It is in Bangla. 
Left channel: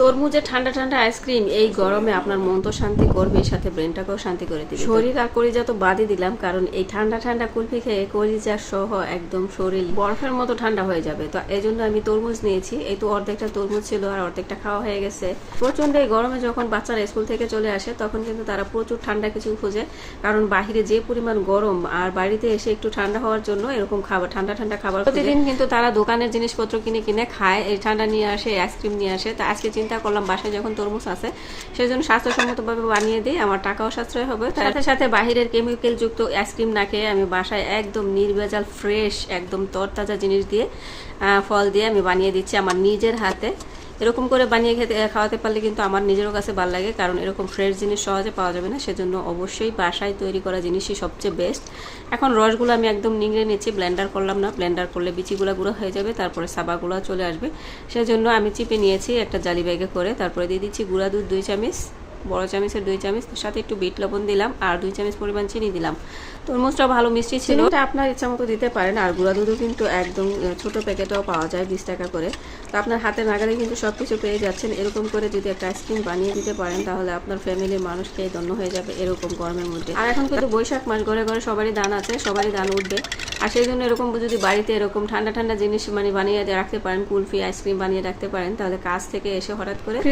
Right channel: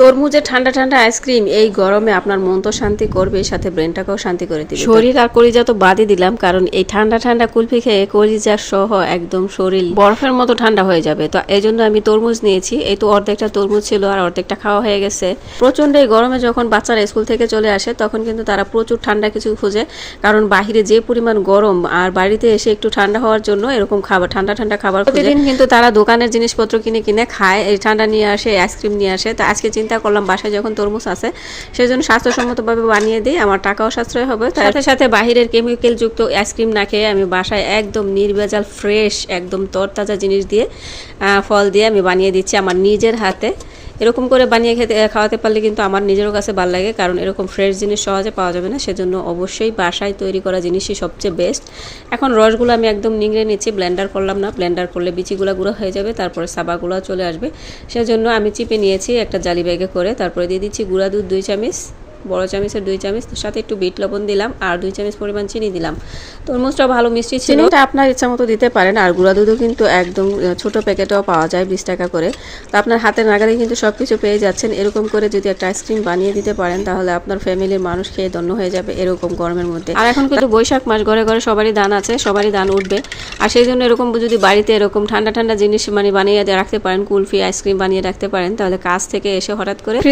তরমুজের ঠান্ডা ঠান্ডা আইসক্রিম এই গরমে আপনার মন তো শান্তি করবে, সাথে ব্রেনটাকেও শান্তি করে দিবে। শরীর আর কলিজা তো বাদই দিলাম, কারণ এই ঠান্ডা ঠান্ডা কুলফি খেয়ে কলিজা সহ একদম শরীর বরফের মতো ঠান্ডা হয়ে যাবে। তো এই জন্য আমি তরমুজ নিয়েছি। এই তো অর্ধেকটা তরমুজ ছিল আর অর্ধেকটা খাওয়া হয়ে গেছে। প্রচন্ড এই গরমে যখন বাচ্চারা স্কুল থেকে চলে আসে তখন কিন্তু তারা প্রচুর ঠান্ডা কিছু খুঁজে, কারণ বাহিরে যে পরিমাণ গরম আর বাড়িতে এসে একটু ঠান্ডা হওয়ার জন্য এরকম খাবার, ঠান্ডা ঠান্ডা খাবার প্রতিদিন কিন্তু তারা দোকানের জিনিসপত্র কিনে কিনে খায়, এই ঠান্ডা নিয়ে আসে, আইসক্রিম নিয়ে আসে। তো আজকে চিন্তা করলাম বাসায় যখন তরমুজ আছে সেই জন্য স্বাস্থ্যসম্মতভাবে বানিয়ে দিই, আমার টাকাও সাশ্রয় হবে। সাথে সাথে বাহিরের কেমিক্যাল যুক্ত আইসক্রিম না খেয়ে আমি বাসায় একদম নির্ভেজাল ফ্রেশ একদম তরতাজা জিনিস দিয়ে, ফল দিয়ে আমি বানিয়ে দিচ্ছি আমার নিজের হাতে। এরকম করে বানিয়ে খাওয়াতে পারলে কিন্তু আমার নিজেরও কাছে ভালো লাগে, কারণ এরকম ফ্রেশ জিনিস সহজে পাওয়া যাবে না, সেজন্য অবশ্যই বাসায় তৈরি করা জিনিসই সবচেয়ে বেস্ট। এখন রসগুলো আমি একদম নিংড়ে নিচ্ছি, ব্লেন্ডার করলাম না, ব্লেন্ডার করলে বিচিগুলো গুঁড়ো হয়ে যাবে, তারপরে সাবাগুলো চলে আসবে। সেজন্য আমি চিপে নিয়েছি একটা জালি ব্যাগে করে। তারপরে দিয়ে দিচ্ছি গুঁড়া দুধ 2 চামচ, বড় চামচের 2 চামচ, সাথে একটু বিট লবণ দিলাম আর 2 চামচ পরিমাণ চিনি দিলাম। তরমুজটা ভালো মিষ্টি ছিল, এটা আপনার ইচ্ছা মতো দিতে পারেন। আর গুঁড়া দুধও কিন্তু একদম ছোট প্যাকেটেও পাওয়া যায় 20 টাকা করে। তো আপনার হাতের নাগালে কিন্তু সব কিছু পেয়ে যাচ্ছেন। এরকম করে যদি একটা আইসক্রিম বানিয়ে দিতে পারেন তাহলে আপনার ফ্যামিলির মানুষ খেয়ে ধন্য হয়ে যাবে এরকম গরমের মধ্যে। আর এখন কিন্তু বৈশাখ মাস, ঘরে ঘরে সবারই দান আছে, সবারই দান উঠবে। আর সেই জন্য এরকম যদি বাড়িতে এরকম ঠান্ডা ঠান্ডা জিনিস বানিয়ে রাখতে পারেন, কুলফি আইসক্রিম বানিয়ে রাখতে পারেন, তাহলে কাজ থেকে এসে হঠাৎ করে